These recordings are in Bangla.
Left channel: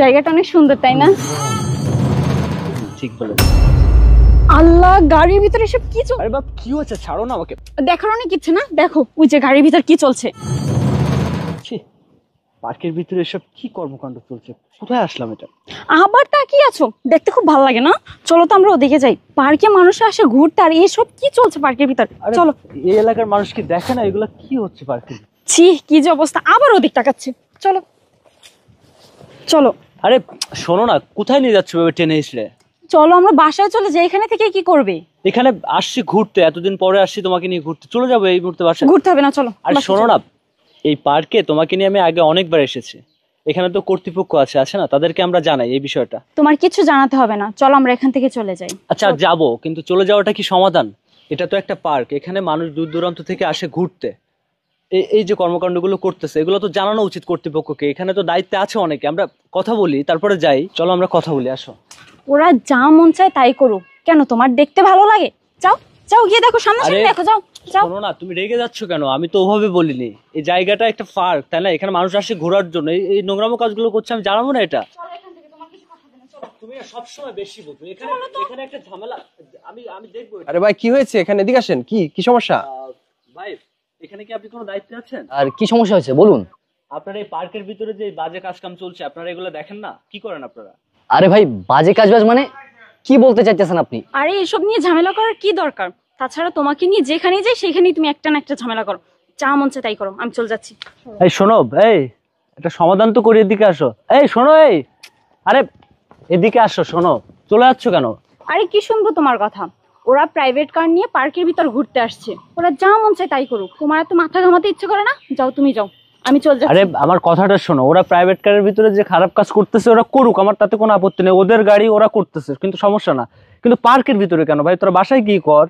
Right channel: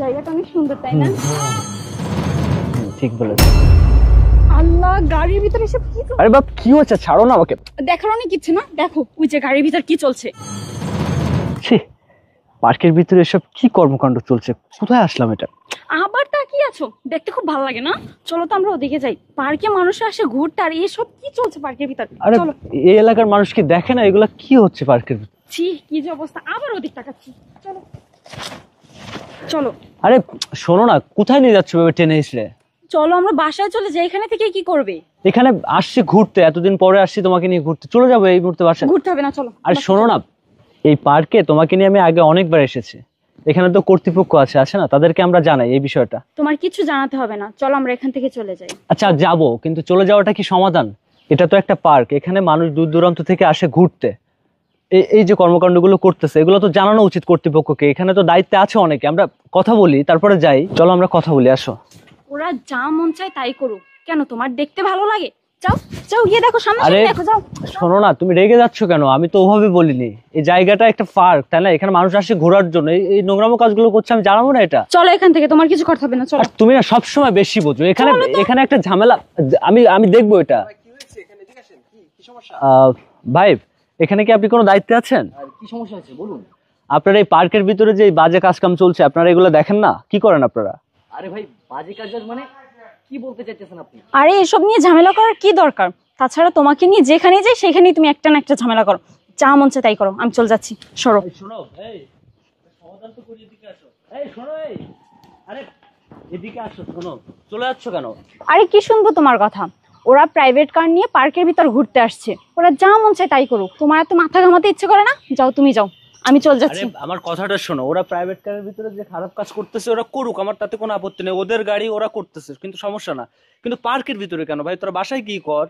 জায়গাটা অনেক সুন্দর তাই না? ঠিক বলেছো। আল্লাহ, গাড়ির ভিতরে এসব কি চলছে? আরে বাপ, কি হচ্ছে? ছাড়ো না আমাকে। দেখার অনেক ইচ্ছে না? দেখো ওই যে গাড়ির ভিতর কি চলছে। ছি, পার্কের ভিতরে এসব কি কর্মকাণ্ড চলছে? কোথায় আসলাম এটা? আবার তাকিয়ে আছো? দেখতে খুব ভালো লাগে না? চলো তো আমরা ওদিকে যাই। পার্কে মানুষ আসে ঘুরতে, আর এসব কি চলছে পার্কের ভিতর? আরে চলো। এই এলাকার মানুষ কি দেখে না এগুলা কি হচ্ছে পার্কের ভিতরে? ছি, কি যে অবস্থা! আবার ওদিক তাকাচ্ছে। চলো চলো। আরে শোনো না, কোথায় নিয়ে যাচ্ছ ভেবে টেনে এসে? চলো আমরা বাসায় চলে যাই। এখানে থেকে কি করবে? এখানে আসছি ঘুরতে, এতদিন পরে আসছি তোমাকে নিয়ে ঘুরতে। চলে যাবো এই মুহূর্তে বাসায়। ঘুরতে হবে না, চলো। আরে শোনো না, এই পার্কে তোমাকে নিয়ে আমি আগে অনেকবার এসেছি। এখানে তো কর্তৃপক্ষ আছে না, তাদেরকে আমরা জানাই এই বিষয়টা। তোমার কিছু জানাতে হবে না, চলো আমরা এখান থেকে চলে যাই। আচ্ছা যাবো, কিন্তু চলে যাওয়াটা কি সমাধান? এটা তো একটা পার্ক, এখানে মানুষ দূর দূরান্ত থেকে আসে ঘুরতে। এই যে কর্মকাণ্ডগুলো করতেছে, এগুলো তো জানানো উচিত কর্তৃপক্ষকে। এখানে তো দায়িত্বে আছে অনেকে। আমরা কথা বলি, তারপরে যাই। চলো আমরা কথা বলি, আসো। ওরা যা মন চায় তাই করুক। কেন, তোমার দেখতে ভালো লাগে? যাও যাও, গিয়ে দেখো, সামনে দেখো, যাও যাও। শোনো না, তুমি রেগে যাচ্ছ কেন? আমি তো ওভাবে বলিনি। এই জায়গাটা একটা পার্ক, তাই না? এখানে মানুষ আসে ঘোরার জন্য। এই নোংরামো কাজগুলো করছে, আমি জানাবো না এটা? চলো এখান থেকে, তোমার কিছু করতে হবে না, চলো। আর তুমি না সবসময় বেশি বোঝো। এখানে একটা ঝামেলা। আমি দেখবো এটা। ভাই কি হয়েছে? এখানে এদিকে আসেন। কি সমস্যা? ভাই, এখানে কি আপনি কোনো দায়িত্বে আছেন? আর কি সমস্যা হয়েছে বলুন। আপনারা এই পার্কের ভিতরে যে বাজে কাজকাম চলছে, আপনারা এগুলো দেখেন না? কি করেন আপনারা? আরে ভাই, বাজে কাজবাজ মানে কি বলতে চাইতেছেন আপনি? আরে এসব নিয়ে ঝামেলা করার কি দরকার? তাছাড়া তোমাকে নিয়ে যেখানে যাই সেখানেই তুমি একটা না একটা ঝামেলা করো। যা মন চায় তাই করো। আমি চলে যাচ্ছি, সরো। এই শোনো, এটা সমাধান তো করি, এদিকে আসো। এই শোনো, আরে এদিকে আসো, শোনো। চলে যাচ্ছ কেন? আরে কি শুনবো তোমার কথা? ওরা প্রাইভেট কার নিয়ে পার্কের ভিতর ঘুরতে আসছে। ওরা যা মন চায় তাই করুক। তোমার এত মাথা ঘামাতে ইচ্ছে করে না? যাও, তুমি যাও, আমি চলে যাচ্ছি। আরে আমার কথাটা শোনো। ওরা প্রাইভেট কারের ভিতরে যে খারাপ কাজ করতেছে, ওরা করুক, আমার তাতে কোনো আপত্তি নেই। ওদের গাড়ি, ওরা করতেছে, কিন্তু সমস্যা না। কিন্তু পার্কের ভিতরে কেন ভাই? তোরা বাসায় কি কর।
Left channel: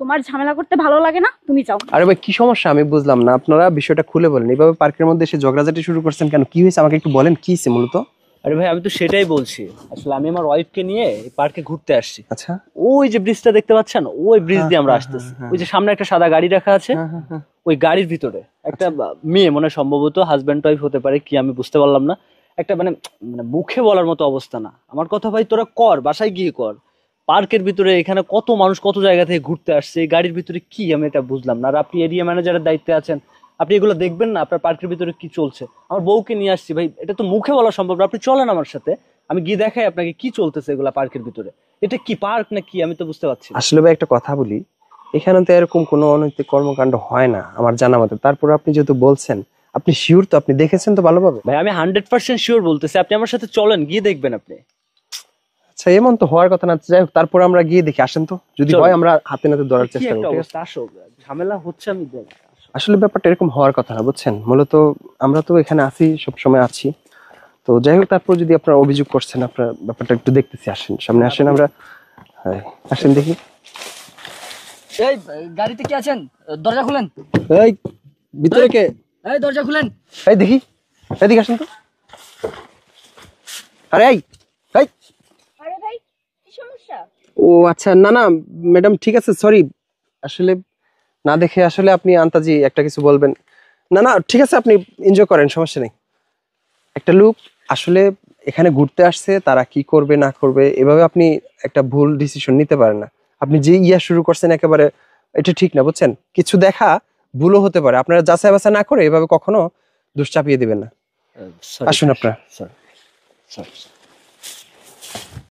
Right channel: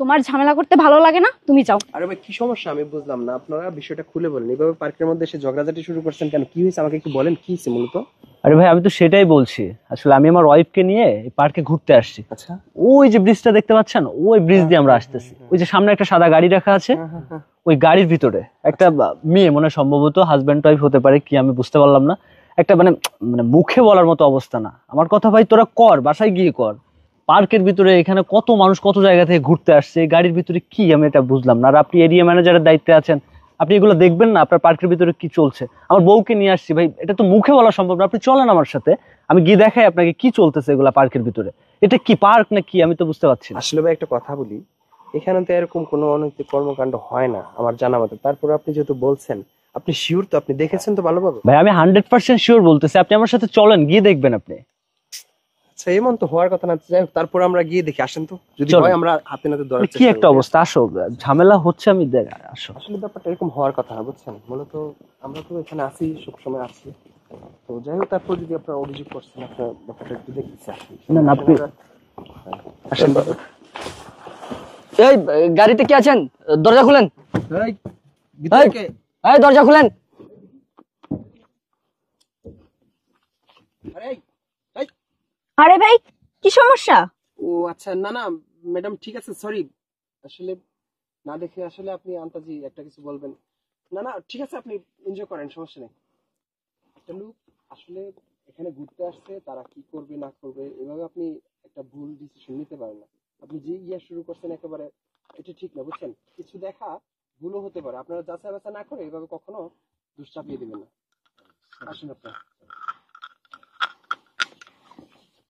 তোমার ঝামেলা করতে ভালো লাগে না? তুমি যাও। আরে ভাই কি সমস্যা? আমি বুঝলাম না। আপনারা বিষয়টা খুলে বলেন। এইভাবে পার্কের মধ্যে এসে ঝগড়াঝাটি শুরু করছেন কেন? কি হয়েছে আমাকে একটু বলেন, কি হয়েছে মূলত? আরে ভাই, আমি তো সেটাই বলছি। আসলে আমি আমার ওয়াইফকে নিয়ে এই পার্কে ঘুরতে আসছি। আচ্ছা, ওই যে ব্রিজটা দেখতে পাচ্ছেন, ওই ব্রিজ দিয়ে আমরা আসতেছি। ওই যে সামনে একটা সাদা গাড়ি রাখা আছে, ওই গাড়ির ভিতরে একটা মেয়ে, মনে সম্ভবত হাজব্যান্ড ওয়াইফ হতে পারে, কি আমি বুঝতে পারলাম না। একটা মানে মানে মুখে বলার মতো অবস্থা না। আমার কথা ভাই, তোরা কর, বাসায় গিয়ে কর। পার্কের ভিতরে এখানে কত মানুষ কত জায়গা থেকে ঘুরতে আসছে, এই গাড়ির ভিতরে কি আমি এটা বুঝলাম না। আর আপনি এরিয়া ম্যানেজারের দায়িত্বে আছেন, আপনি এগুলো দেখবেন না? আপনার পার্কের ভিতরে কি চলছে? আমার বউকে নিয়ে আসছি ভাই, এটা তো মুখে বলা সম্ভব না। আপনি চলেন আমার সাথে, আমি গিয়ে দেখাই আপনাকে কি চলতেছে এগুলা পার্কের ভিতরে। এটা কি পার্ক না কি আমি তো বুঝতে পারছি না। আসলে ভাই একটা কথা বলি, এখানে তো এরকম কোনো অনৈতিক কর্মকাণ্ড হয় না আমার জানা মতে। তারপর আপনি যেহেতু বলছেন, আপনি শিওর তো? আপনি দেখেছেন তো ভালোভাবে? ভাই আমি 100% শিওর বলতেছি। আপনি আমার সাথে চলেন, গিয়ে দেখবেন আপনি। আচ্ছা, এমন তো হওয়ার কথা না। যাই হোক, তারপর আমরা গিয়ে দেখি। আসেন তো, যদি হয় আমরা হাতে নাতে ধরার কি চেষ্টা একটা করি। অবস্থা, আসো। ঝামেলা হচ্ছে, আমি আসো। আসলে ব্যাপারটা এরকম হওয়ার কথা না, বুঝছেন? মূলত আমরা তো এখানে আছি, সবসময় আছি। তো যাই হোক, তারপর যদি আপনারা অভিযোগ করছেন, আপনার ব্যাপারটা একটু দেখতেছি। আসেন, সামনে আসেন। আমরা আসেন দেখি। এই গাড়িতে কি আছেন? দরজা খুলেন। এই ভিতরে কে? এই দরজা খুলেন। এই দেখি, এদিকে আসেন তো। আরে এই এই আরে ভাই, কি সমস্যা? ও আচ্ছা, না না ম্যাডাম, ঠিক আছে, সরি। আসলে না দেখে আসলে আপনি আন্তাজি একটা কিছু বলবেন। না না ঠিক আছে, আপনি এনজয় করেন, সমস্যা নেই। একটা লোক আসলে এখানে ঘুরতে আসছে, তারা কি করবে না করবে এভাবে আপনি একটা ভুল ডিসিশন নিতে পারেন না। আপনি যে শুরু করছেন একেবারে, এটা ঠিক না, বুঝছেন? কিছু দেখা ভুলও হতে পারে। আপনারা যাচাই বাছাই না করে এভাবে কখনো দোষ চাপিয়ে দিবেন না। আসুন আপনারা।